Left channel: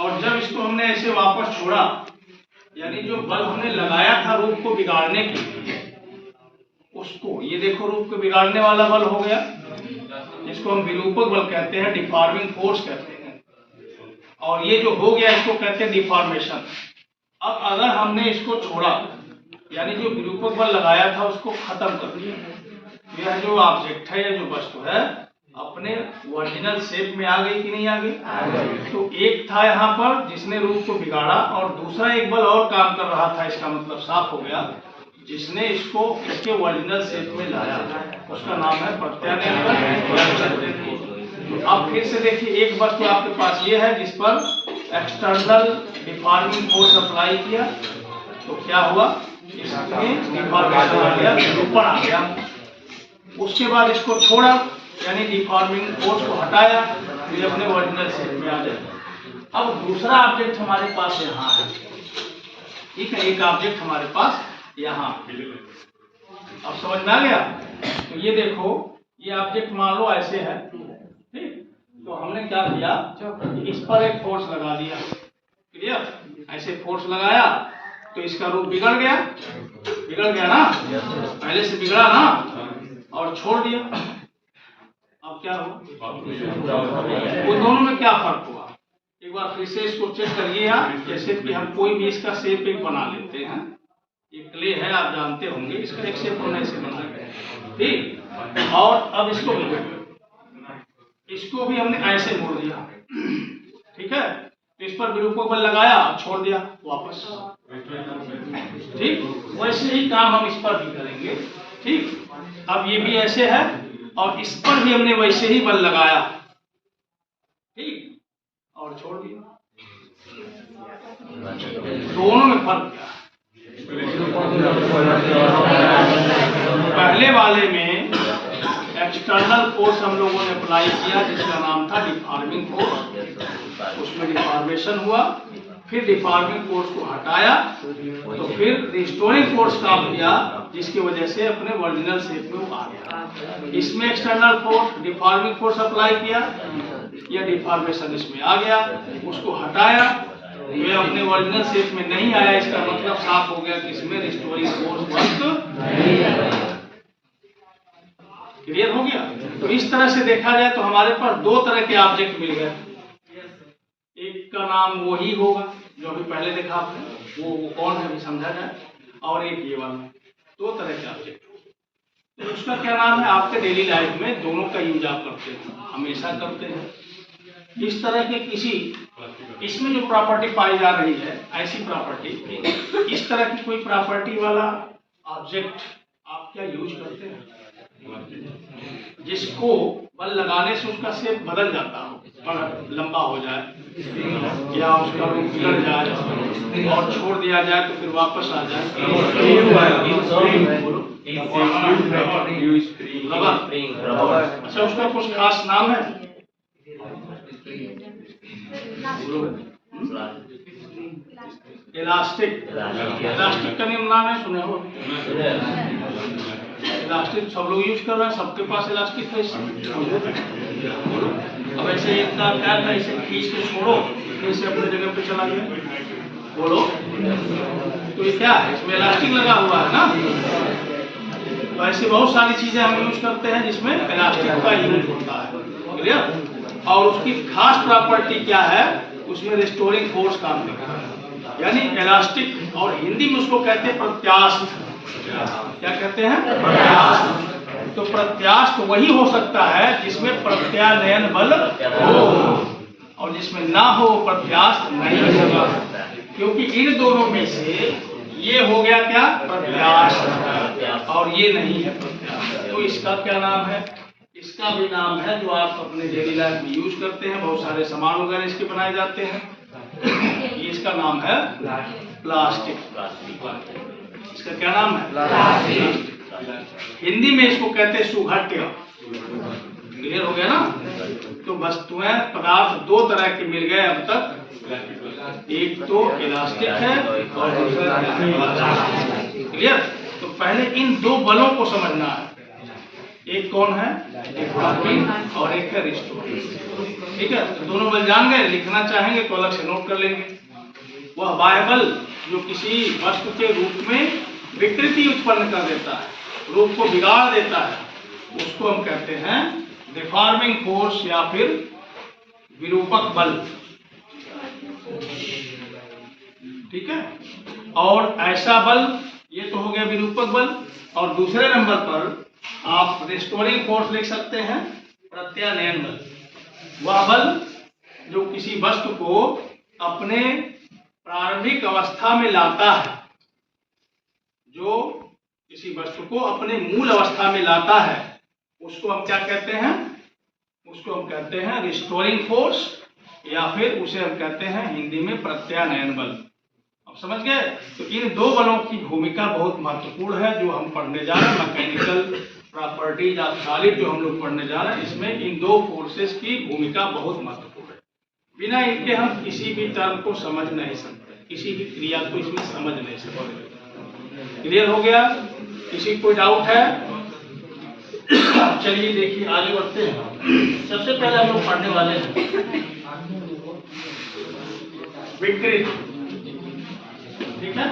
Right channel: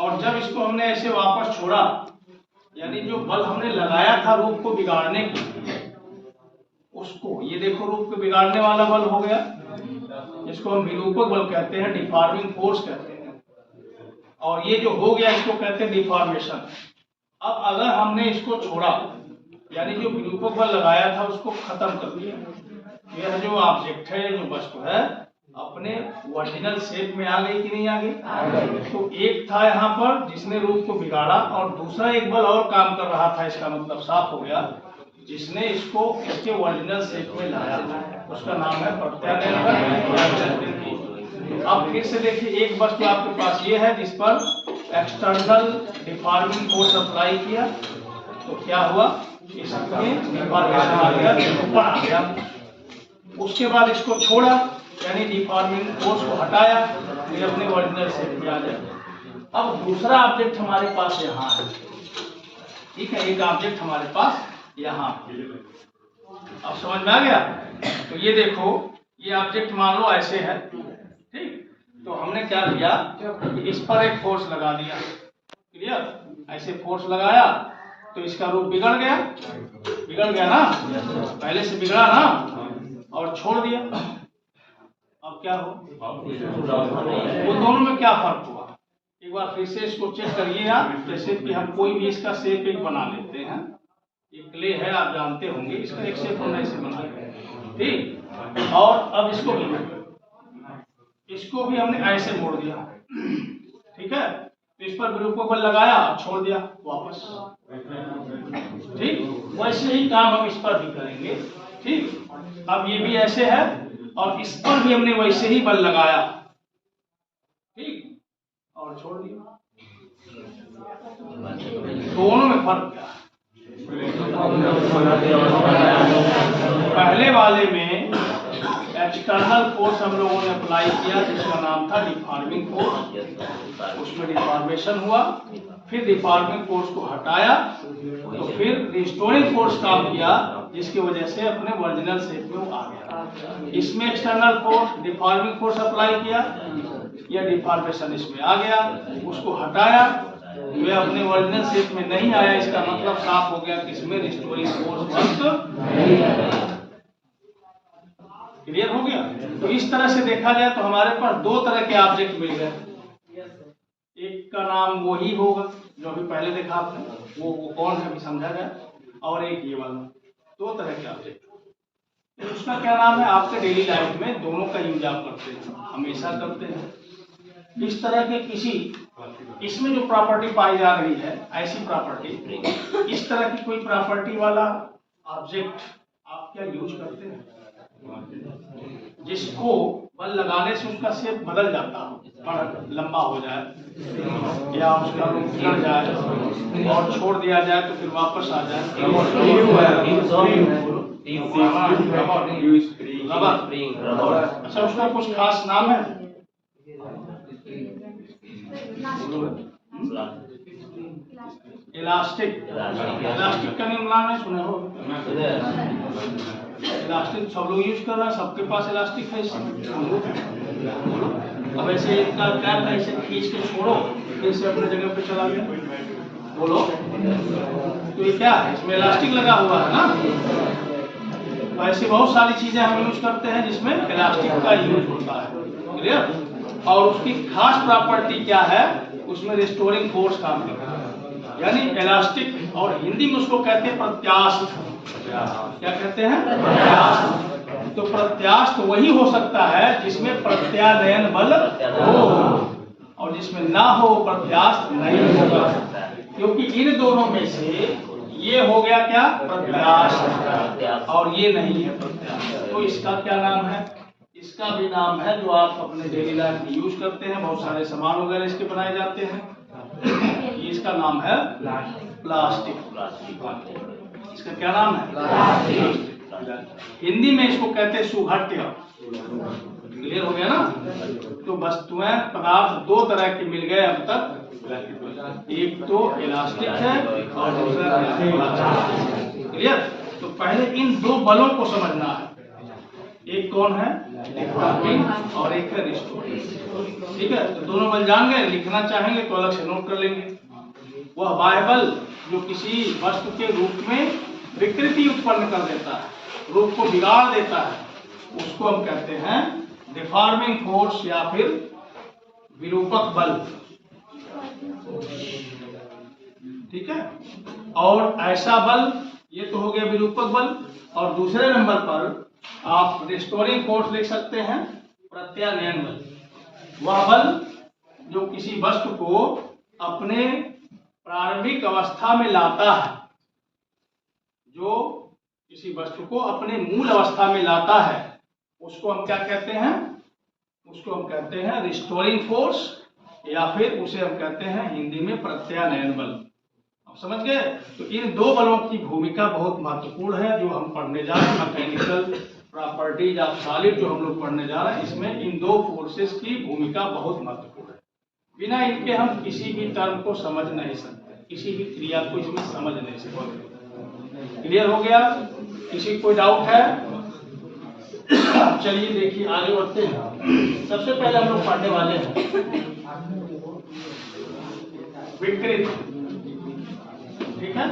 और जब इसको हमने ऐसे वापस छोड़ा, यानी जो बल हमने लगाया था रूप को बिगाड़ने के लिए, उसको ये देखो रूप को बिगाड़ने वाला बल हो गया, इसको हम विरूपक बल कहते हैं, डिफॉर्मिंग फोर्स कहते हैं। और ये जो हो गया इसको कहते हैं डिफॉर्मेशन। अब अगर हमने इसको छोड़ा, यानी जो विरूपक बल लगाया था उसको खत्म कर दिया, यह जो ऑब्जेक्ट है, यह जो वस्तु है अपने ओरिजिनल शेप में आ गई कि नहीं आ गई? तो एक था यहाँ पर जिसने रूप को बिगाड़ा, और दूसरा एक बल और काम कर रहा था, इसका मतलब साफ हो गया, जिसने इसको इसके ओरिजिनल शेप में लाया, उसका नाम है प्रत्यानयन बल। अब फिर से देखिए, एक वस्तु आपके पास ये है जिस पर एक्सटर्नल डिफॉर्मिंग फोर्स अप्लाई किया, तो क्या हुआ, इसमें डिफॉर्मेशन आ गया, विरूपण आ गया। उसके बाद इसको छोड़ा, यानी डिफॉर्मिंग फोर्स को हटाया, तो ये अपने ओरिजिनल शेप में आ जाए। अब दूसरा ऑब्जेक्ट हमारे पास यहाँ है, ठीक है, एक ऑब्जेक्ट हमारे पास यहाँ, अब समझ में आ गया? तो ये देखो, ये ऑब्जेक्ट मान लो ऐसे है, ठीक, तो हमने क्या किया, इस पर एक फोर्स लगा दिया, क्लियर, ऐसे फोर्स लगाया तो इसका रूप बिगड़ गया, बिगड़ गया ना, पहले से बिगड़ा ना, और छोड़ दिया। अब क्या हो, उन दोनों में क्या फर्क हुआ? एक बार फिर से इसको चेक करिए आप, जैसे कि हम कोई भी इसका शेप एक बना लेते हैं, ये क्ले है आप जानते होंगे, इसका एक शेप हम ऐसे बना गए, ठीक, और अब इसको भी हमने ऐसे मोड़ दिया, ठीक है, तो इस पर विरूपक बल लगाया, छोड़ दिया वापस, ठीक, वैसे ही काम हम इस पर भी करेंगे, ठीक। अब ये भी ऐसे है और इस पर भी हमने वैसे ही बल लगाया, ठीक, और छोड़ दिया, दोनों में फर्क क्या? पहले वाले में एक्सटर्नल फोर्स हम लोगों ने अप्लाई किया जिसका नाम था डिफॉर्मिंग फोर्स, उसमें डिफॉर्मेशन हुआ, फिर डिफॉर्मिंग फोर्स को हटाया, तो फिर रिस्टोरिंग फोर्स काम किया, जिसकी वजह से अपने ओरिजिनल शेप में वो आ गया। इसमें external force deforming force apply किया, यह डिफॉर्मेशन इसमें आ गया, उसको हटाया, ये अपने ओरिजिनल शेप में नहीं आया, इसका मतलब साफ हो गया कि इसमें रिस्टोरिंग फोर्स वर्क नहीं है। क्लियर हो गया? तो इस तरह से देखा जाए तो हमारे पास दो तरह के ऑब्जेक्ट मिल गए, एक का नाम वो ही होगा जो अभी पहले देखा आपने, वो कौन है भी समझा जाए, और एक ये वाला, दो तरह के ऑब्जेक्ट। तो उसका क्या नाम है, आपके डेली लाइफ में दोनों का यूज आप करते हैं, हमेशा करते हैं। इस तरह के किसी, इसमें जो प्रॉपर्टी पाई जा रही है, ऐसी प्रॉपर्टी, इस तरह की कोई प्रॉपर्टी वाला ऑब्जेक्ट आप क्या यूज करते हैं, जिसको बल लगाने से उसका शेप बदल जाता हो, बड़ा लंबा हो जाए, या उसका रूप बिगड़ जाए और छोड़ दिया जाए तो फिर वापस आ जाए, रबर। अच्छा, उसका कुछ खास नाम है? इलास्टिक। इलास्टिक का नाम है, सुने हो? इलास्टिक सब लोग यूज कर रहे हैं, सबके पास इलास्टिक है। अब ऐसे इतना क्या था, इसे खींच के छोड़ो, फिर से अपने जगह पे चला गया, बोलो, तो ये क्या है, इसमें इलास्टिक लगा हुआ है ना। तो ऐसी बहुत सारी चीजें हम यूज करते हैं जिसमें इलास्टिक का यूज होता है, क्लियर। और उसकी खास प्रॉपर्टी क्या है, उसमें रिस्टोरिंग फोर्स काम करता है, यानी इलास्टिक, और हिंदी में उसको कहते हैं प्रत्यास्थ। क्या कहते हैं? प्रत्यास्थ। तो प्रत्यास्थ वही हो सकता है जिसमें प्रत्यानयन बल हो, और जिसमें ना हो प्रत्यास्थ नहीं होगा, क्योंकि इन दोनों में से ये हो गया क्या, प्रत्यास्थ, और ये नहीं है प्रत्यास्थ। तो इसका क्या नाम है? इसका भी नाम है, जो आप अपने डेली लाइफ में यूज करते हैं, बहुत सारे सामान वगैरह इसके बनाए जाते हैं, इसका नाम है प्लास्टिक। इसका क्या नाम है? प्लास्टिक। हिंदी में इसको कहते हैं सुघट्य। क्लियर हो गया ना? तो वस्तुएं, पदार्थ दो तरह के मिल गए अब तक, एक तो इलास्टिक है और दूसरा। क्लियर? तो पहले इन दो बलों को समझना है, एक कौन है, डिफॉर्मिंग और एक है रिस्टोरिंग। ठीक है, तो दोनों बल जान गए, लिखना चाहेंगे तो अलग से नोट कर लेंगे। वह बाह्य बल जो किसी वस्तु के रूप में विकृति उत्पन्न कर देता है, रूप को बिगाड़ देता है, उसको हम कहते हैं डिफॉर्मिंग फोर्स या फिर विरूपक बल। ठीक है, और ऐसा बल, ये तो हो गया विरूपक बल, और दूसरे नंबर पर आप रिस्टोरिंग फोर्स लिख सकते हैं, प्रत्यानयन बल। वह बल जो किसी वस्तु को अपने प्रारंभिक अवस्था में लाता है, जो किसी वस्तु को अपने मूल अवस्था में लाता है, उसको हम क्या कहते हैं, उसको हम कहते हैं रिस्टोरिंग फोर्स, या फिर उसे हम कहते हैं हिंदी में प्रत्यानयन बल। अब समझ गए? तो इन दो बलों की भूमिका बहुत महत्वपूर्ण है जो हम पढ़ने जा रहे हैं। मैकेनिकल प्रॉपर्टीज ऑफ सॉलिड जो हम लोग पढ़ने जा रहे हैं, इसमें इन दो फोर्सेस की भूमिका बहुत महत्वपूर्ण है। बिना इनके हम किसी भी टर्म को समझ नहीं सकते, किसी भी क्रिया को इसमें समझ नहीं सकते। क्लियर हो गया? किसी कोई डाउट है? चलिए देखिए आगे बढ़ते हैं। सबसे पहले हम लोग पढ़ने वाले हैं विकृति। ठीक है,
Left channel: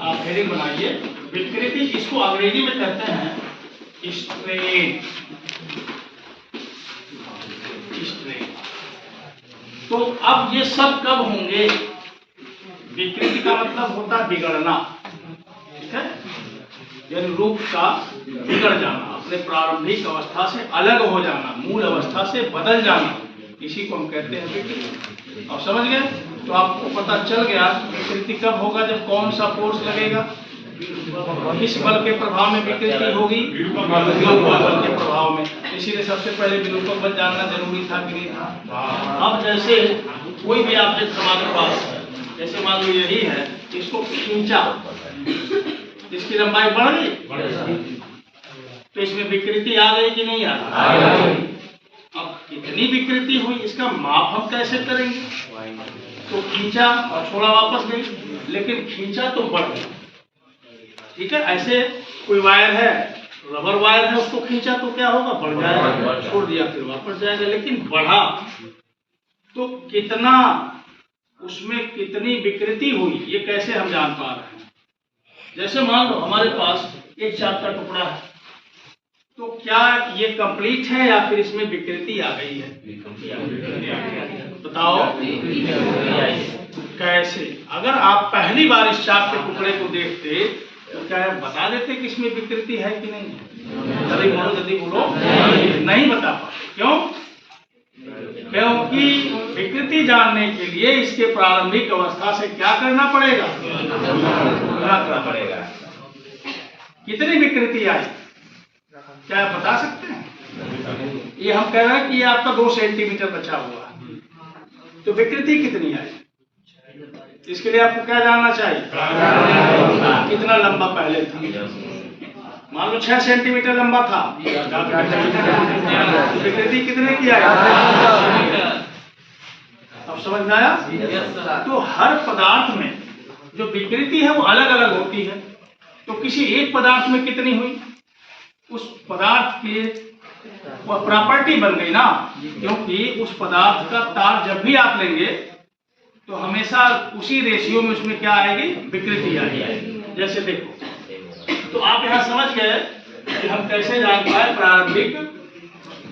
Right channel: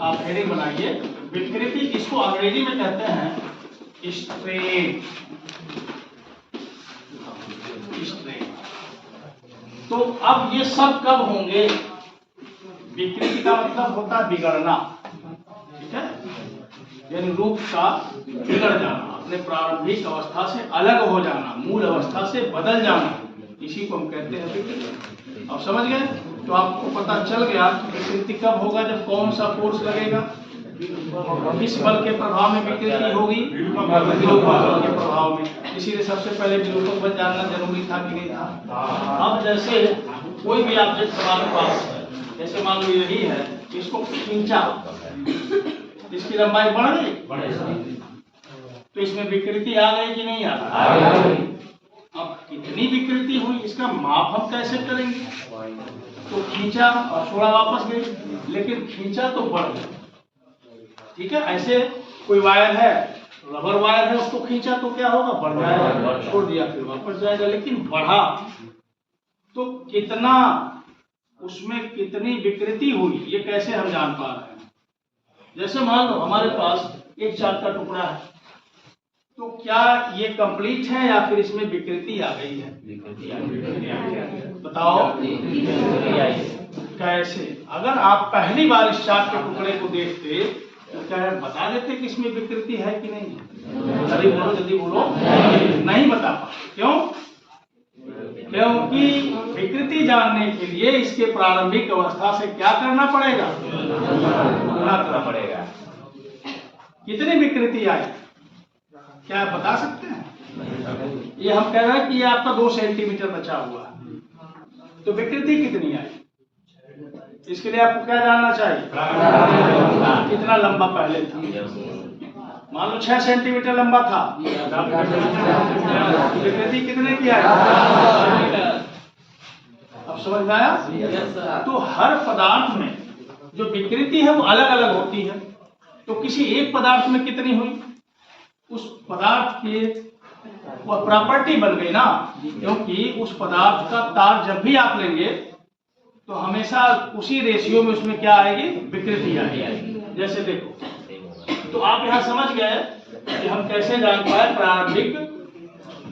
आप हेडिंग बनाइए विकृति। इसको अंग्रेजी में कहते हैं स्ट्रेन। तो अब ये सब कब होंगे? विकृति का मतलब होता है बिगड़ना। ठीक है, यानी रूप का बिगड़ जाना, अपने प्रारंभिक अवस्था से अलग हो जाना, मूल अवस्था से बदल जाना, इसी को हम कहते हैं विकृति। अब समझ गए? तो आपको पता चल गया विकृति कब होगा, जब कौन सा फोर्स लगेगा, किस बल के प्रभाव में विकृति होगी, विरूपक बल के प्रभाव में। इसीलिए सबसे पहले विरूपक बल जानना जरूरी था कि नहीं था? अब जैसे कोई भी ऑब्जेक्ट हमारे पास है, जैसे मान लो यही है, इसको खींचा, इसकी लंबाई बढ़ गई, तो इसमें विकृति आ गई कि नहीं आ गई? अब कितनी विकृति हुई इसका माप हम कैसे करेंगे? तो खींचा और छोड़ा वापस गई, लेकिन खींचा तो बढ़ गया। ठीक है, ऐसे कोई वायर है, रबर वायर है, उसको खींचा तो क्या होगा, बढ़ जाएगा, छोड़ दिया फिर वापस जाएगा, लेकिन बढ़ा तो कितना, उसमें कितनी विकृति हुई, ये कैसे हम जान पा रहे हैं? जैसे मान लो हमारे पास एक चाक का टुकड़ा है, तो क्या ये कंप्लीट है या फिर इसमें विकृति आ गई है? बताओ कैसे? अगर आप पहली बार इस चाक के टुकड़े को देखते तो क्या बता देते कि इसमें विकृति है कि नहीं? जल्दी बोलो नहीं बता पाते। क्यों? क्योंकि विकृति जानने के लिए इसके प्रारंभिक अवस्था से क्या करना पड़ेगा, तुलना करना पड़ेगा। कितनी विकृति आई क्या बता सकते हैं? ये हम कह रहे हैं कि ये आपका 2 सेंटीमीटर बचा हुआ है, तो विकृति कितनी आई? इसके लिए आपको क्या जानना चाहिए, कितना लंबा पहले था। मान लो 6 सेंटीमीटर लंबा था, विकृति कितने की आई? अब समझ में आया? तो हर पदार्थ में जो विकृति है वो अलग अलग होती है। तो किसी एक पदार्थ में कितनी हुई, उस पदार्थ की वह प्रॉपर्टी बन गई ना, क्योंकि उस पदार्थ का तार जब भी आप लेंगे तो हमेशा उसी रेशियो में उसमें क्या आएगी, विकृति आएगी। जैसे देखो, तो आप यहाँ समझ गए कि हम कैसे जान पाए प्रारंभिक,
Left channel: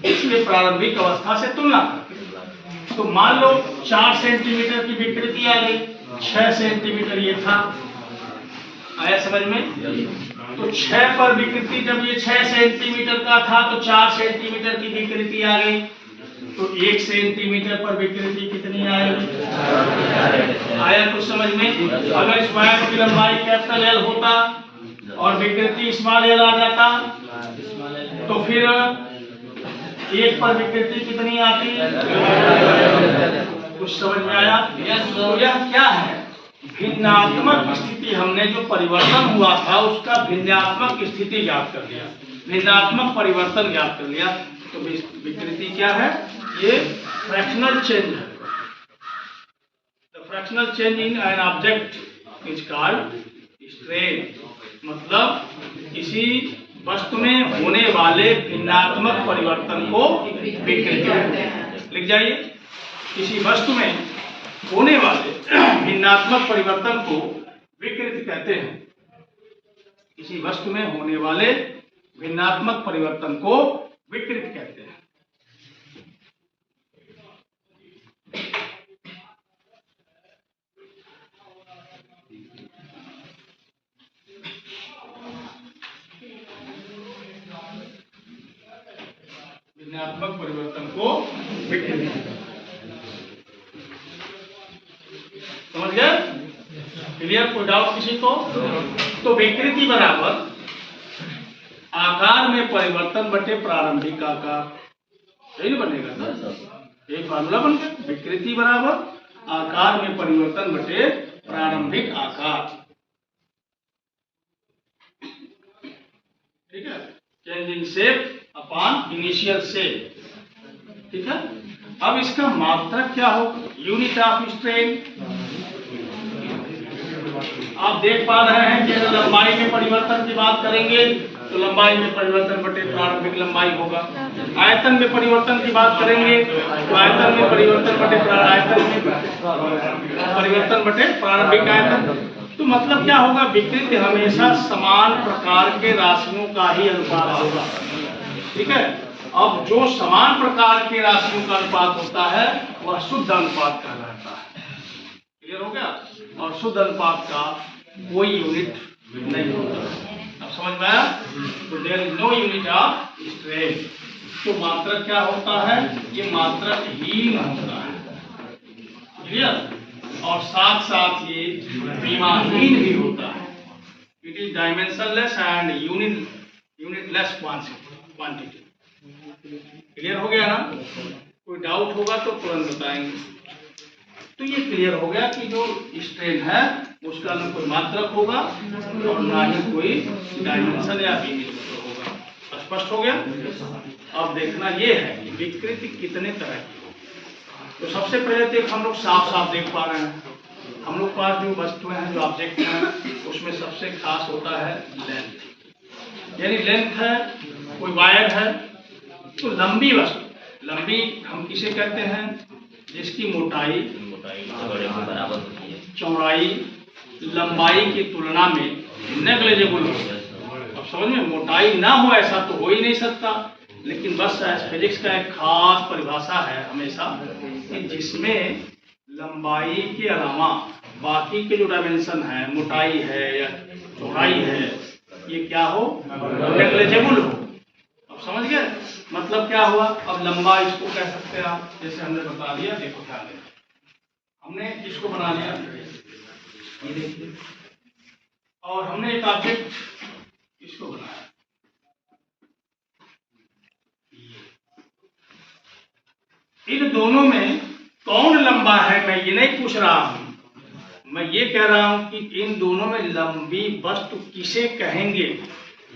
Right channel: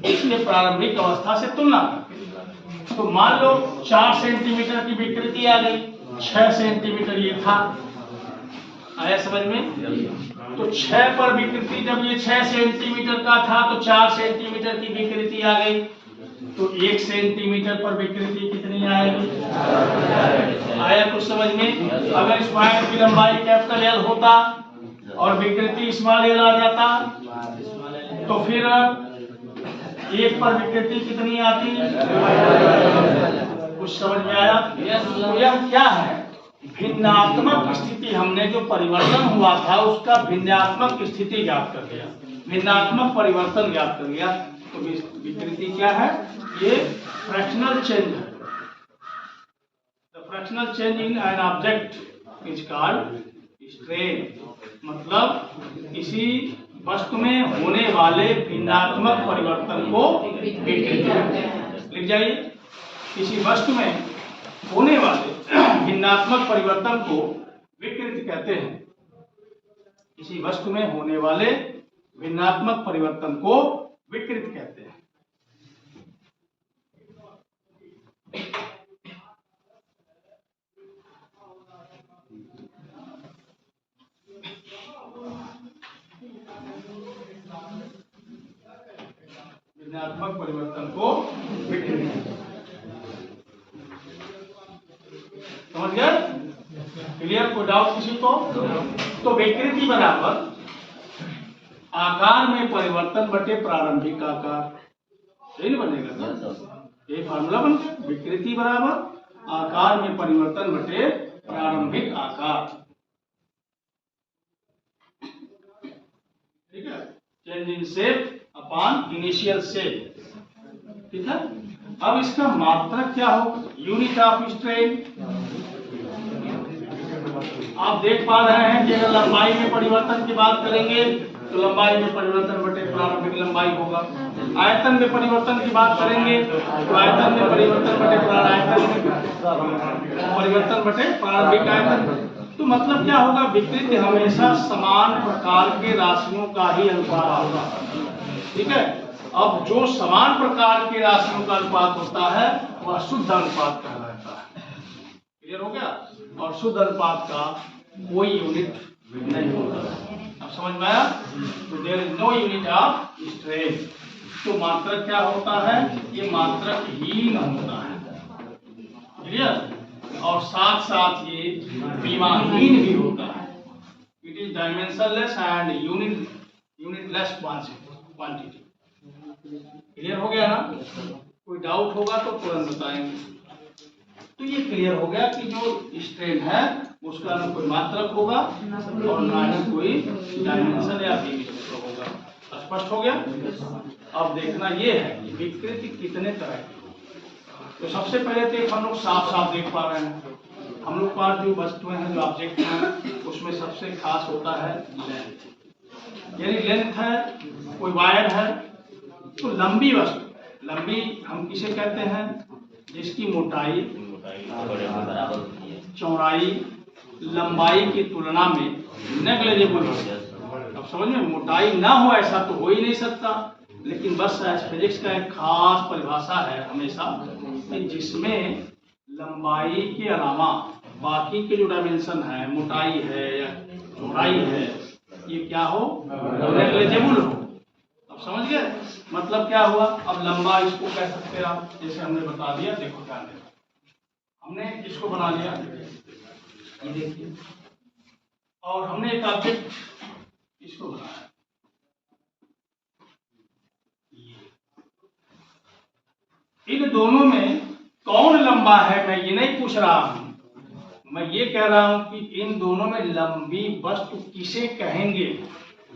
इसके प्रारंभिक अवस्था से तुलना करके। तो मान लो 4 सेंटीमीटर की विकृति आ गई, 6 सेंटीमीटर ये था, आया समझ में? तो 6 पर विकृति, जब ये 6 सेंटीमीटर का था तो 4 सेंटीमीटर की विकृति आ गई, तो 1 सेंटीमीटर पर विकृति कितनी आएगी? आया कुछ समझ में? अगर इस वायर की लंबाई कैपिटल L होता और विकृति स्मॉल l आ जाता, तो फिर 1 पर विकृति कितनी आती? कुछ समझ में आया? तो यह क्या है, भिन्नात्मक स्थिति। हमने जो परिवर्तन हुआ था उसका भिन्नात्मक स्थिति ज्ञात कर लिया, भिन्नात्मक परिवर्तन ज्ञात कर लिया। तो विकृति क्या है, ये फ्रैक्शनल चेंज है। The fractional change in an object is called strain. मतलब किसी वस्तु में होने वाले भिन्नात्मक परिवर्तन को विकृति कहते हैं। लिख जाइए, किसी वस्तु में होने वाले भिन्नात्मक परिवर्तन को विकृति कहते हैं। किसी वस्तु में होने वाले भिन्नात्मक परिवर्तन को विकृति कहते हैं। भिन्नात्मक परिवर्तन को विकृति कहते हैं। समझ गए? क्लियर? कोई डाउट किसी को? तो विकृति बराबर आकार में परिवर्तन बटे प्रारंभिक आकार, सही बनेगा ना? एक फार्मूला बन गया, विकृति बराबर आकार में परिवर्तन बटे प्रारंभिक आकार। ठीक है, change in shape upon initial shape. ठीक है, अब इसका मात्रक क्या होगा? Unit of strain. आप देख पा रहे हैं कि अगर लंबाई में परिवर्तन की बात करेंगे तो लंबाई में परिवर्तन बटे प्रारंभिक लंबाई होगा। आयतन में परिवर्तन की बात करेंगे तो आयतन में परिवर्तन बटे परिवर्तन बटे प्रारंभिक आयतन। तो मतलब क्या होगा? विकृति हमेशा समान प्रकार के राशियों का ही अनुपात होगा। ठीक है, अब जो समान प्रकार के राशियों का अनुपात होता है वह शुद्ध अनुपात कहलाता है। क्लियर हो गया? और शुद्ध अनुपात का कोई यूनिट नहीं होता। अब समझ में आया? तो there is no unit of strain. तो मात्रक क्या होता है? ये मात्रक हीन होता है। क्लियर? और साथ साथ ये विमानहीन भी होता है। It is dimensionless and unitless quantity. Clear हो गया ना? कोई डाउट होगा तो तुरंत बताएंगे। तो ये क्लियर हो गया कि जो स्ट्रेन है उसका ना कोई मात्रक होगा और ना ही कोई डायमेंशन या यूनिट होगा। स्पष्ट हो गया? अब देखना ये है कि विकृति कितने तरह की हो। तो सबसे पहले तो हम लोग साफ साफ देख पा रहे हैं, हम लोग पास जो वस्तुएं हैं, जो ऑब्जेक्ट हैं, उसमें सबसे खास होता है लेंथ। यानी लेंथ है, कोई वायर है, तो लंबी वस्तु, लंबी हम किसे कहते हैं? जिसकी मोटाई चौड़ाई लंबाई की तुलना में नेग्लिजिबल हो। अब समझ में, मोटाई ना हो ऐसा तो हो ही नहीं सकता, लेकिन बस फिजिक्स का एक खास परिभाषा है हमेशा कि जिसमें लंबाई के अलावा बाकी के जो डायमेंशन है, मोटाई है या चौड़ाई है, ये क्या हो? नेग्लिजिबल हो। अब समझ गए? मतलब क्या हुआ? अब लंबा इसको कह सकते हैं आप, जैसे हमने बता दिया। देखो क्या है, हमने इसको बना लिया, ये देखिए, और हमने एक ऑब्जेक्ट इसको बनाया। इन दोनों में कौन लंबा है मैं ये नहीं पूछ रहा हूं, मैं ये कह रहा हूं कि इन दोनों में लंबी वस्तु किसे कहेंगे।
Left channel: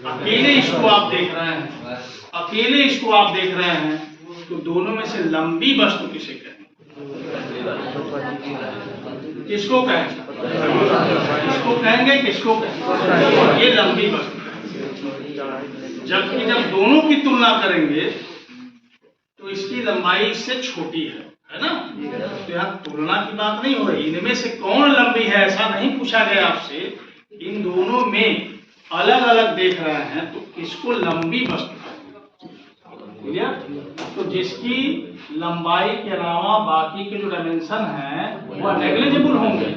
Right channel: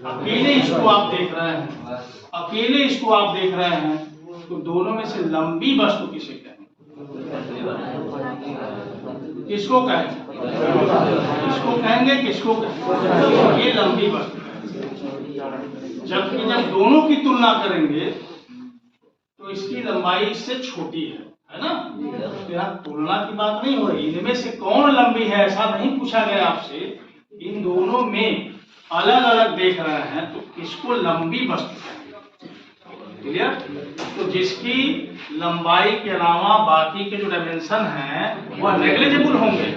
अकेले इसको आप देख रहे हैं, अकेले इसको आप देख रहे हैं, तो दोनों में से लंबी वस्तु किसे कहेंगे? किसको कहेंगे? किसको कहेंगे? किसको कहेंगे? ये लंबी वस्तु। जबकि जब दोनों की तुलना करेंगे तो इसकी लंबाई इससे छोटी है ना? तो यहाँ तुलना की बात नहीं हो रही, इनमें से कौन लंबी है ऐसा नहीं पूछा गया आपसे। इन दोनों में अलग अलग देख रहे हैं तो किसको लंबी वस्तु कहेंगे? क्लियर? तो जिसकी लंबाई के अलावा बाकी के जो डायमेंशन हैं वह नेग्लिजिबल होंगे,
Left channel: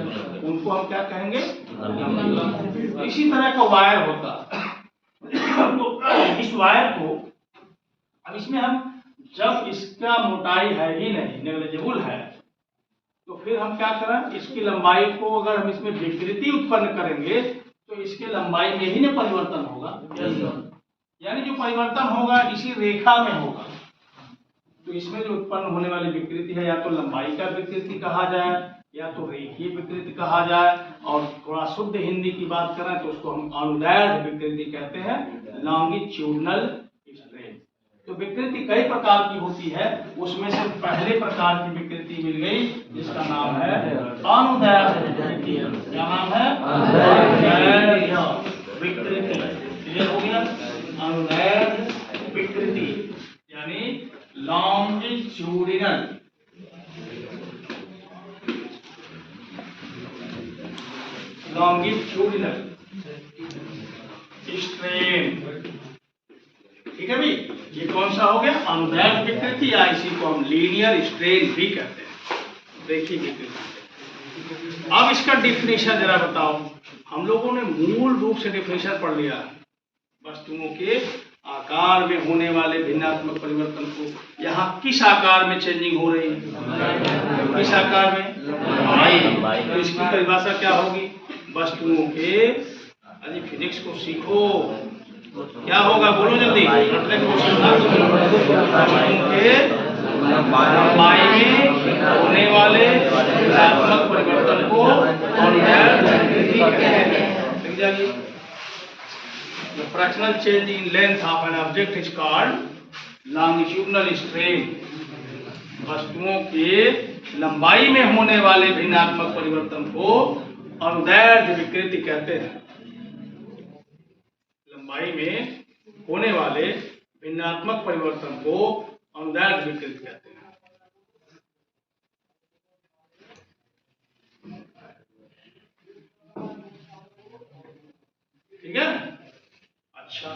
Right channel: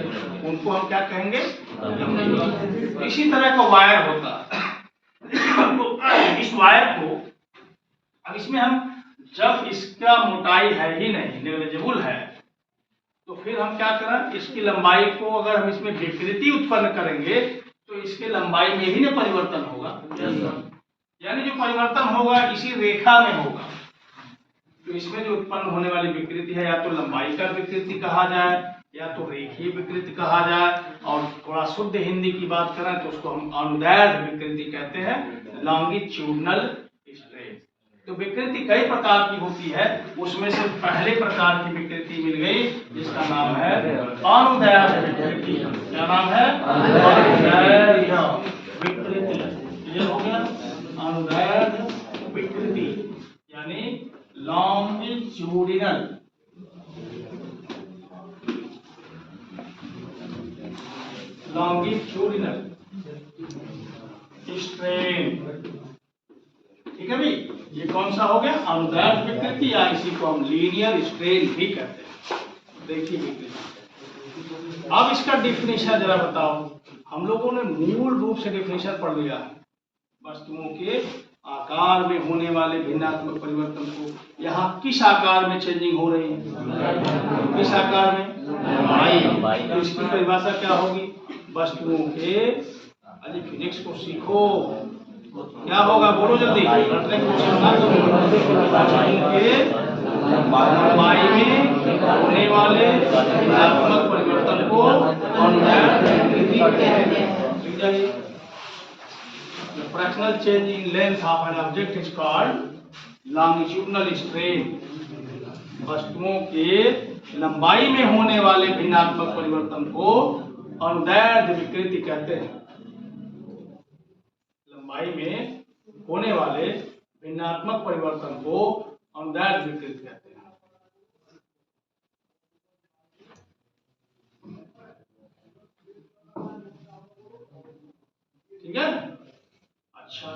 उनको हम क्या कहेंगे? लंबी। इसी तरह का वायर होता है। तो इस वायर को, अब इसमें हम जब इसका मोटाई है ही नहीं, नेग्लिजिबल है, तो फिर हम क्या करें? इसकी लंबाई को अगर हम इसमें विकृति उत्पन्न करेंगे तो इसके लंबाई में ही ना परिवर्तन होगा। यानी जो परिवर्तन होगा इसी रेखा में होगा। तो इसमें जो उत्पन्न होने वाली विकृति है, या तो लंबाई का विकृति कहा जाए या तो रेखीय विकृति कहा जाए, और थोड़ा शुद्ध हिंदी की बात करें तो उसको हम अनुदैर्घ्य विकृति कहते हैं, लॉन्गिट्यूडनल स्ट्रेन। तो विकृति कई प्रकार की होती है, उसमें से पहले प्रकार की विकृति मिल गई जिसका नाम है अनुदैर्घ्य विकृति। क्या नाम है? अनुदैर्घ्य विकृति। क्लियर हो गया? Longitudinal strain. ठीक है भाई, ये कौन सा हो गया? अनुदैर्ध्य विकृति, या इसी को हम लीनियर स्ट्रेन भी कहते हैं। देखिए विकृति। अब इसका डिफिनेशन जरा बताओ। हम लोगों ने मूल रूप से डिफिनेशन पढ़ लिया है, वस्तुओं के आकार में होने वाले भिन्नात्मक परिवर्तन को। यहाँ किस आकार में चेंजिंग हो रही है? किस आकार में? तो इसकी परिभाषा क्या होगी? वस्तुओं के, अरे फिजिक्स को सीखो, क्या होगा बोलो जल्दी। वस्तुओं के लंबाई में होने वाले भिन्नात्मक परिवर्तन को The fractional change in length of an object is called longitudinal strain। वस्तुओं के लंबाई में होने वाले भिन्नात्मक परिवर्तन को अनुदैर्ध्य विकृति कहते हैं। लंबाई में होने वाले भिन्नात्मक परिवर्तन को अनुदैर्ध्य विकृति कहते हैं। ठीक है। अच्छा,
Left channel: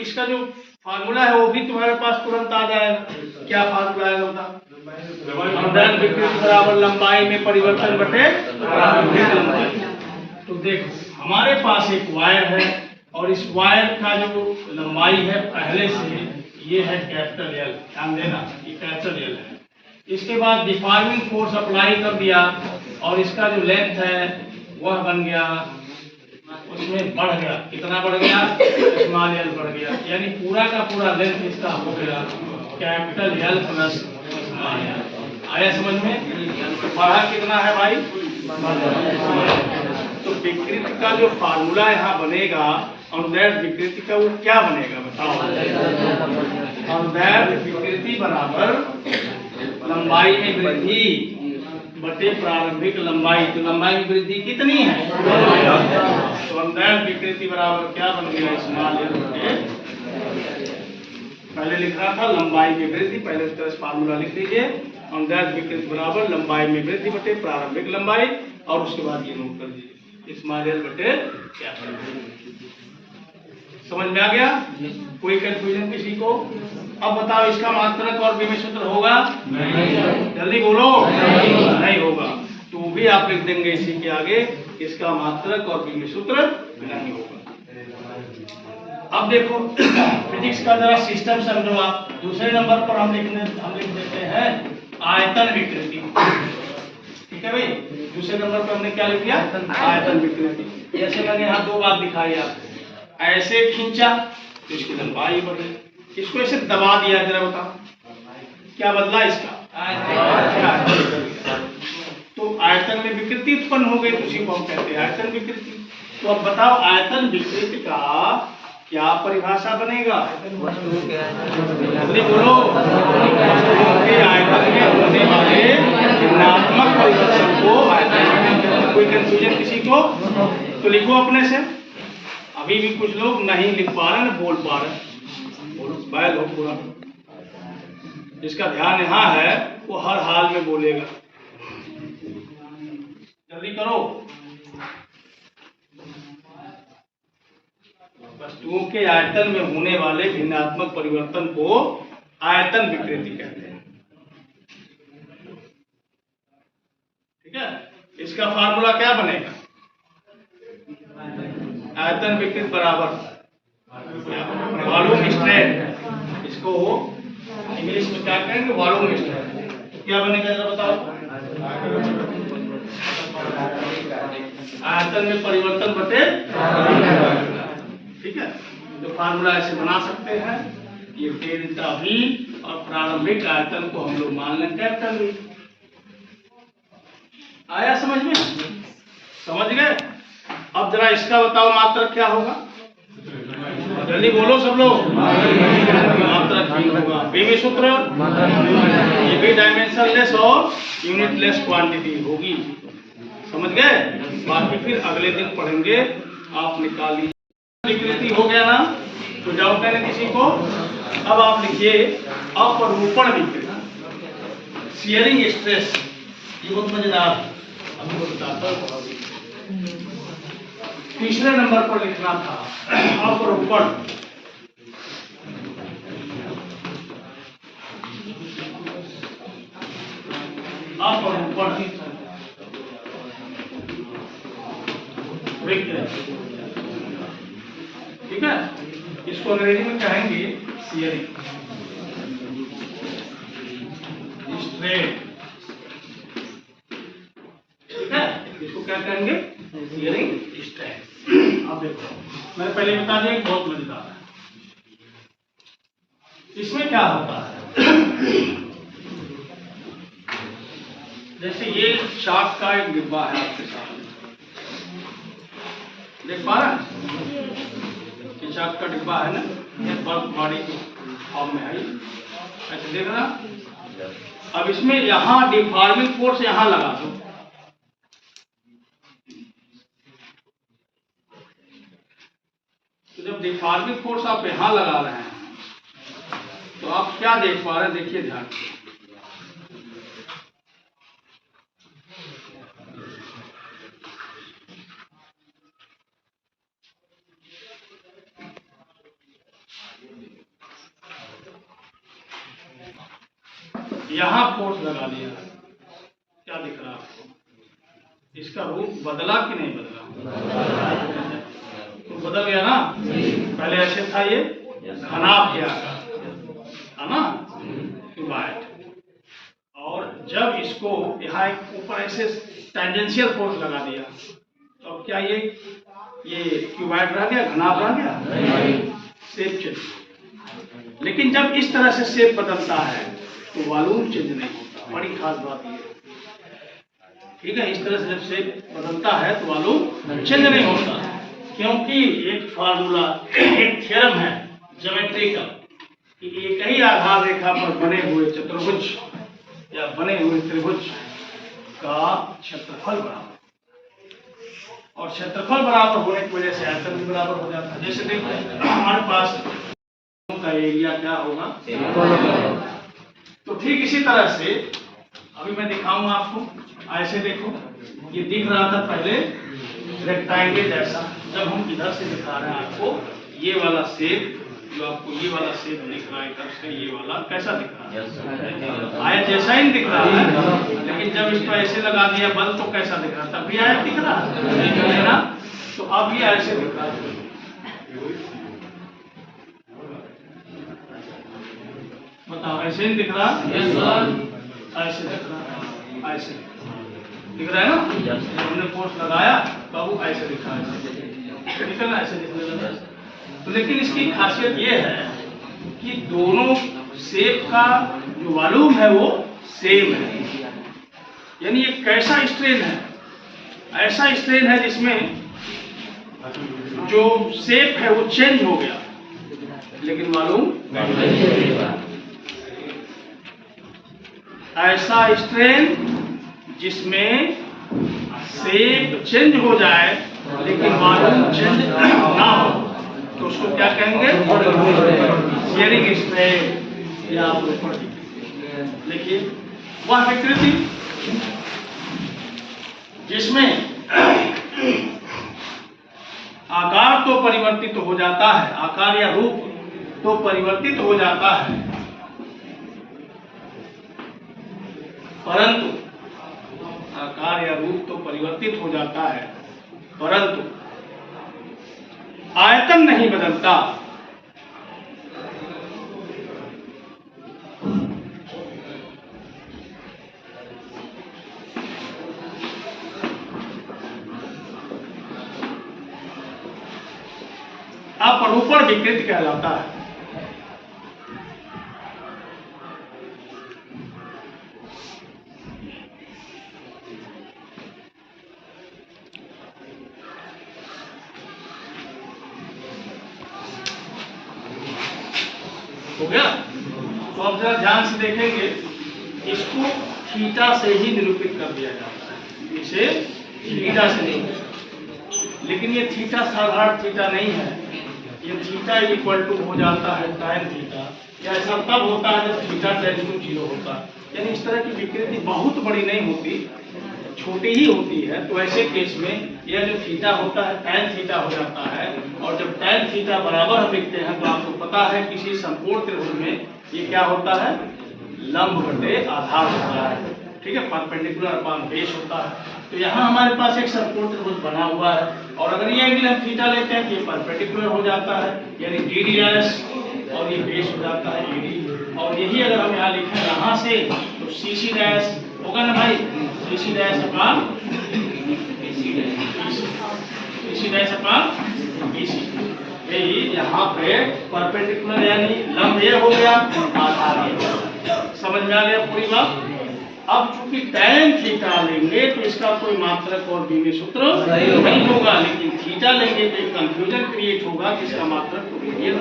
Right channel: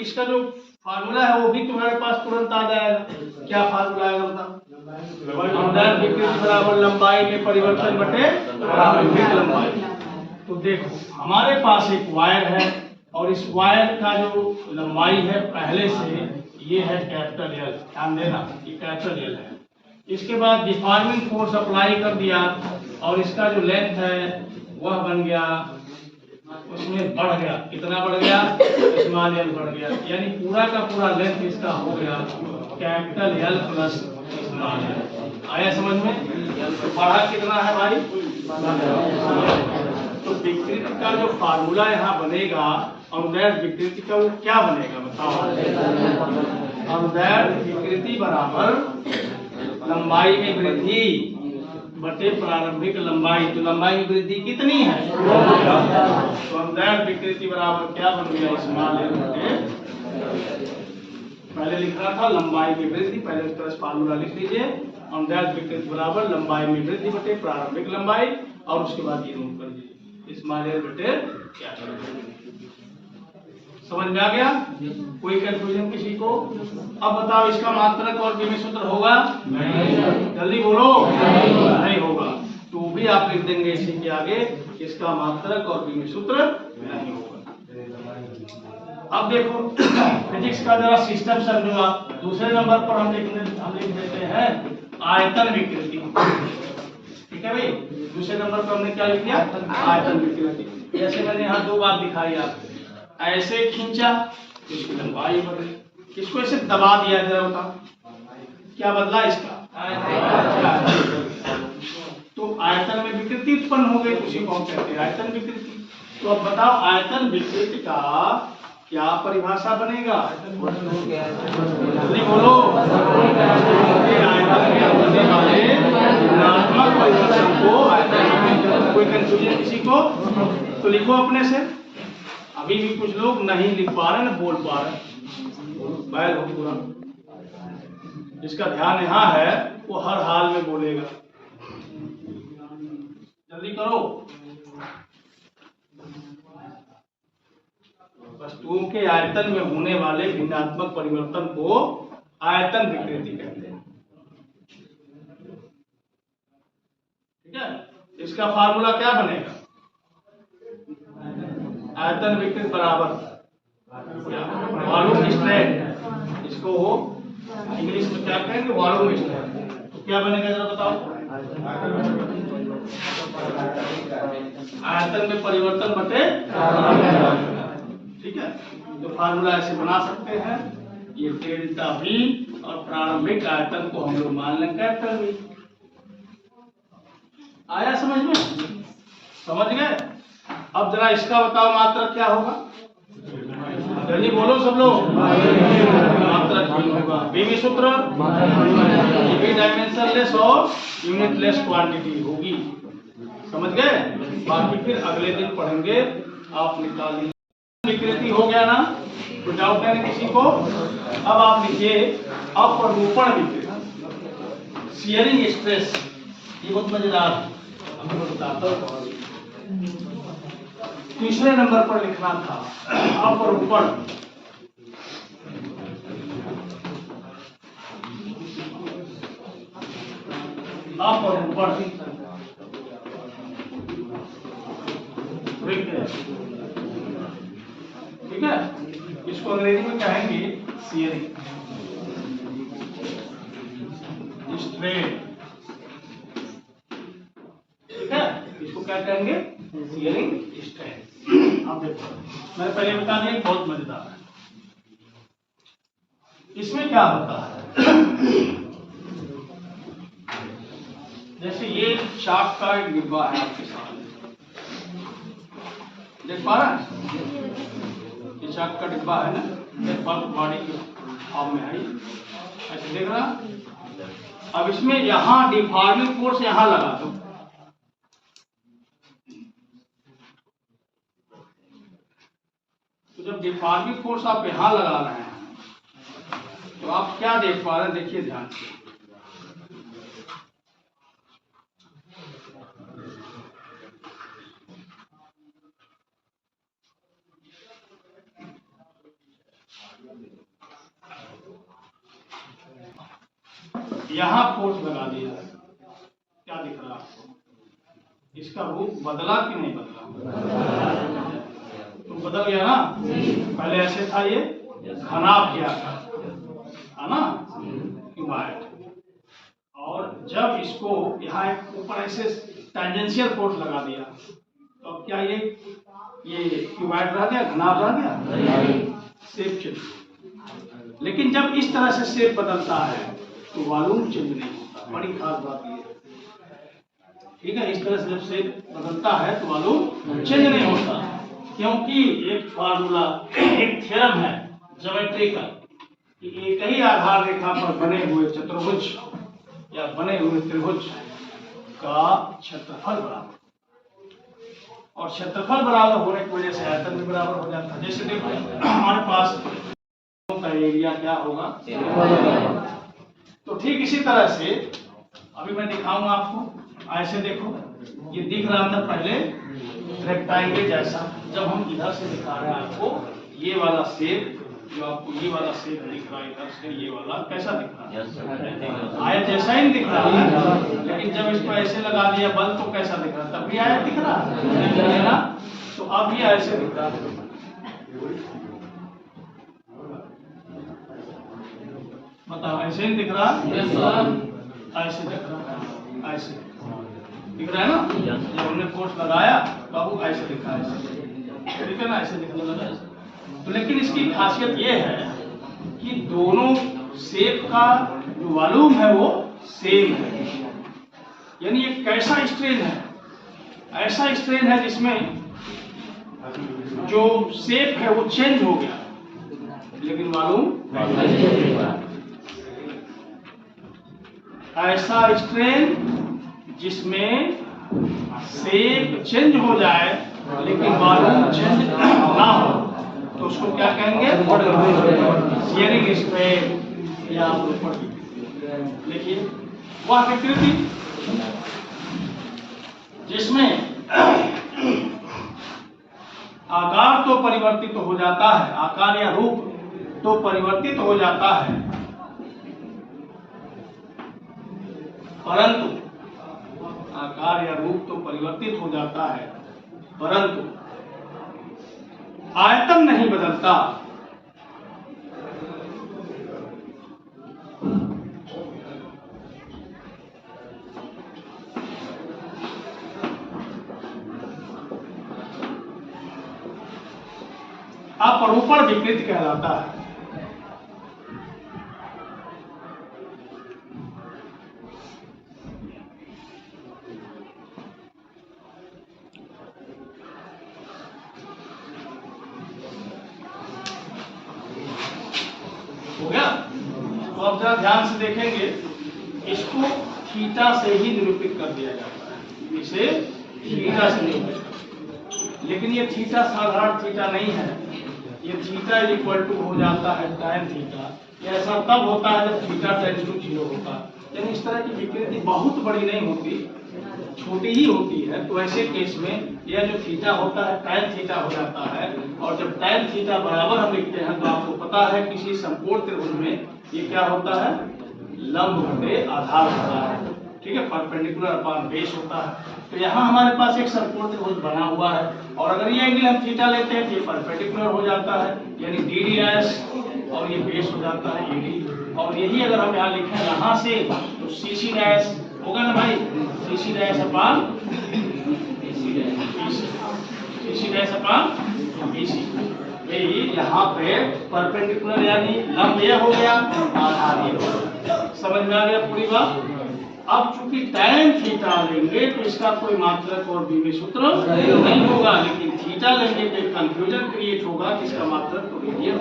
इसका जो फार्मूला है वो भी तुम्हारे पास तुरंत आ जाएगा। क्या फार्मूला है बताओ? अनुदैर्ध्य विकृति बराबर लंबाई में परिवर्तन बटे प्रारंभिक लंबाई। तो देखो हमारे पास एक वायर है और इस वायर का जो लंबाई है पहले से ये है कैपिटल एल। ध्यान देना, ये कैपिटल एल है। इसके बाद डिफॉर्मिंग फोर्स अप्लाई कर दिया और इसका जो लेंथ है वह बन गया, उसमें बढ़ गया। कितना बढ़ गया? स्मॉल एल बढ़ गया। यानी पूरा का पूरा लेंथ इसका हो गया capital L plus small L. आया समझ में? तो बढ़ा कितना है भाई? तो विकृति का जो फार्मूला यहाँ बनेगा अनुदैर्ध्य विकृति का, वो क्या बनेगा बताओ? अनुदैर्ध्य विकृति बराबर लंबाई में वृद्धि बटे प्रारंभिक लंबाई। तो लंबाई में वृद्धि कितनी है? तो अनुदैर्ध्य विकृति बराबर क्या बन गया? स्मॉल एल बटे, पहले लिखना था लंबाई में वृद्धि, पहले उस तरह फार्मूला लिख लीजिए। अनुदैर्ध्य विकृति बराबर लंबाई में वृद्धि बटे प्रारंभिक लंबाई, और उसके बाद ये नोट कर दीजिए स्मॉल एल बटे क्या। समझ में आ गया? कोई कंफ्यूजन किसी को? अब बताओ इसका मात्रक और विमीय सूत्र होगा? नहीं। जल्दी बोलो। नहीं होगा। तो भी आप लिख देंगे इसी के आगे, इसका मात्रक और विमीय सूत्र नहीं होगा। अब देखो फिजिक्स का जरा सिस्टम समझो आप। दूसरे नंबर पर हम लिख देते हैं आयतन विकृति। ठीक है भाई, दूसरे नंबर पर हमने क्या लिख दिया? आयतन विकृति। जैसे मैंने यहाँ दो बात दिखाई आपको, ऐसे खींचा तो इसकी लंबाई बढ़ी, इसको ऐसे दबा दिया, जरा बताओ क्या बदला इसका? तो आयतन में विकृति उत्पन्न हो गई, उसी को हम कहते हैं आयतन विकृति। तो अब बताओ आयतन विकृति का क्या परिभाषा बनेगा? जल्दी बोलो। आयतन में होने वाले भिन्नात्मक परिवर्तन को आयतन। कोई कंफ्यूजन किसी को? तो लिखो अपने से। अभी भी कुछ लोग नहीं लिख पा रहे, बोल पा रहे, बैल हो पूरा। जिसका ध्यान यहाँ है वो हर हाल में बोलेगा। जल्दी करो। वस्तुओं के आयतन में होने वाले भिन्नात्मक परिवर्तन को आयतन विकृति कहते हैं। ठीक है, इसका फार्मूला क्या बनेगा? आयतन विकृति बराबर वॉल्यूम स्ट्रेन। इसको इंग्लिश में क्या कहेंगे? Volume strain. तो क्या बनेगा जरा बताओ? आयतन में परिवर्तन बटे। ठीक है, तो फार्मूला ऐसे बना सकते हैं। ये डेल्टा वी और प्रारंभिक आयतन को हम लोग मान लें कैपिटल वी। आया समझ में? समझ गए? अब जरा इसका बताओ मात्रक क्या होगा? जल्दी बोलो सब लोग। मात्रक भी होगा। विमीय सूत्र ये भी डायमेंशनलेस और यूनिटलेस क्वांटिटी होगी। समझ गए? बाकी फिर अगले दिन पढ़ेंगे। आप निकालिए। विकृति हो गया ना? तो डाउट है ना किसी को? अब आप लिखिए अपरूपण विकृति, शियरिंग स्ट्रेस। ये बहुत मजेदार है, अभी मैं बताता हूँ। तीसरे नंबर पर लिखना था अपरूपण। अपरूपण ठीक है, इसको अंग्रेजी में कहेंगे शियरिंग स्ट्रेन। ठीक है, इसको क्या कहेंगे? Shearing strain. आप देखो, मैंने पहले बता दिया, बहुत मजेदार है। इसमें क्या होता है, जैसे ये चाक का एक डिब्बा है आपके सामने, देख पा रहे हैं? ये चाक का डिब्बा है ना, ये बल्ब बॉडी के फॉर्म में है, ऐसे देख रहा। अब इसमें यहां डिफॉर्मिंग फोर्स यहां लगा दो, तो जब डिफॉर्मिंग फोर्स आप यहां लगा रहे हैं तो आप क्या देख पा रहे हैं? देखिए ध्यान से, यहां फोर्स लगा दिया, क्या दिख रहा है आपको? इसका रूप बदला कि नहीं बदला? तो बदल गया ना, पहले ऐसे था, ये घनाभ किया था ना, वाइट, और जब इसको यहाँ एक ऊपर ऐसे टेंजेंशियल फोर्स लगा दिया तो क्या ये क्यूबाइड रह गया, घनाभ रह गया, शेप चेंज। लेकिन जब इस तरह से शेप बदलता है तो वॉल्यूम चेंज नहीं होता, बड़ी खास बात ये। ठीक है, इस तरह से जब शेप बदलता है तो वॉल्यूम चेंज नहीं होता, क्योंकि एक फार्मूला, एक थ्योरम है ज्योमेट्री का कि एक ही आधार रेखा पर बने हुए चतुर्भुज या बने हुए त्रिभुज का क्षेत्रफल बराबर, और क्षेत्रफल बराबर होने की वजह से आयतन भी बराबर हो जाता है। जैसे देखो हमारे पास का एरिया क्या होगा, तो ठीक इसी तरह से अभी मैं दिखाऊंगा आपको। ऐसे देखो, ये दिख रहा था पहले रेक्टेंगल जैसा, जब हम इधर से दिखा रहे हैं आपको ये वाला शेप, जो आपको ये वाला शेप दिख रहा है इधर से, ये वाला कैसा दिख रहा है? आयत जैसा ही दिख रहा है, लेकिन जब इसको ऐसे लगा दिया बल तो कैसा दिख रहा था? तब भी आयत दिख रहा है ना, तो अब ये ऐसे दिख रहा है। बताओ, ऐसे ही दिख रहा है? ऐसे दिख रहा है, ऐसे दिख रहा है ना, जब हमने फोर्स लगाया तो वो ऐसे दिखा है, ठीक है ना, ऐसे दिखने लगा। तो लेकिन इसकी खासियत ये है कि दोनों शेप का जो वॉल्यूम है वो सेम है, यानी ये कैसा स्ट्रेन है? ऐसा स्ट्रेन है जिसमें जो शेप है वो चेंज हो गया लेकिन वॉल्यूम, ऐसा स्ट्रेन जिसमें शेप चेंज हो जाए लेकिन वॉल्यूम चेंज ना हो, तो उसको क्या कहेंगे? शियरिंग स्ट्रेन या अपरूपण। देखिए वह विकृति जिसमें आकार तो परिवर्तित हो जाता है, आकार या रूप तो परिवर्तित हो जाता है, परंतु आकार या रूप तो परिवर्तित हो जाता है परंतु आयतन नहीं बदलता। अपरूपण विकृति कहलाता है। हो गया? तो अब जरा ध्यान से देखेंगे, इसको थीटा से ही निरूपित कर दिया जाता है, इसे थीटा से नहीं, लेकिन ये थीटा साधारण थीटा नहीं है, ये थीटा इक्वल टू हो जाता है tan थीटा। ऐसा तब होता है जब थीटा टेंड्स टू 0 होता है, यानी इस तरह की विकृति बहुत बड़ी नहीं होती, छोटी ही होती है तो ऐसे केस में यह जो थीटा होता है tan थीटा हो जाता है, और जब tan थीटा बराबर हम लिखते हैं तो आपको पता है किसी समकोण त्रिभुज में ये क्या होता है, लंब बटे आधार होता है, ठीक है, परपेंडिकुलर अपॉन बेस होता है। तो यहाँ हमारे पास एक समकोण त्रिभुज बना हुआ है, और अगर ये एंगल हम थीटा लेते हैं तो ये परपेंडिकुलर हो जाता है, यानी डी डैश, और ये बेस हो जाता है ईडी, और यही अगर हम यहाँ लिखें यहाँ से तो सी डैश होगा ना भाई, C dash upon C dash upon BC. यही यहाँ पे परपेंडिकुलर यानी लंब ये हो गया, आधार ये, समझ में आ गया पूरी बात। अब चूंकि tan थीटा लेंगे तो इसका कोई मात्रक और बीवी सूत्र नहीं होगा, लेकिन थीटा लेंगे तो कंफ्यूजन क्रिएट होगा कि इसका मात्रक तो रेडियन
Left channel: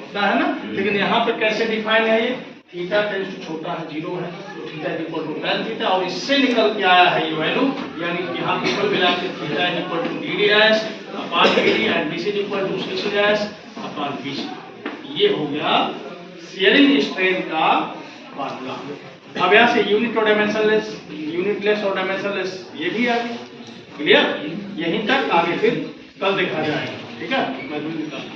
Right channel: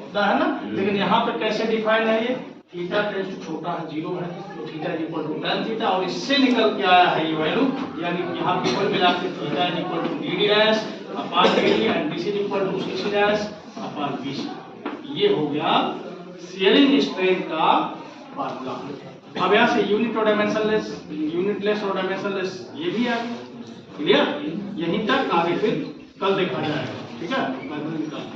होता है ना। लेकिन यहाँ पर कैसे डिफाइन है ये, थीटा टेंड्स टू छोटा है 0 है, तो theta equal to tan theta, और इससे निकल के आया है ये वैल्यू, यानी कि यहाँ पे कुल मिला के theta equal to D dash upon D and BC equal to C dash upon BC. ये हो गया शियरिंग स्ट्रेंथ का फार्मूला। अब यहाँ से यूनिट और डायमेंशनलेस, यूनिटलेस और डायमेंशनलेस ये भी आ गया, क्लियर। यहीं तक, आगे फिर कल देखा जाएगा, ठीक है।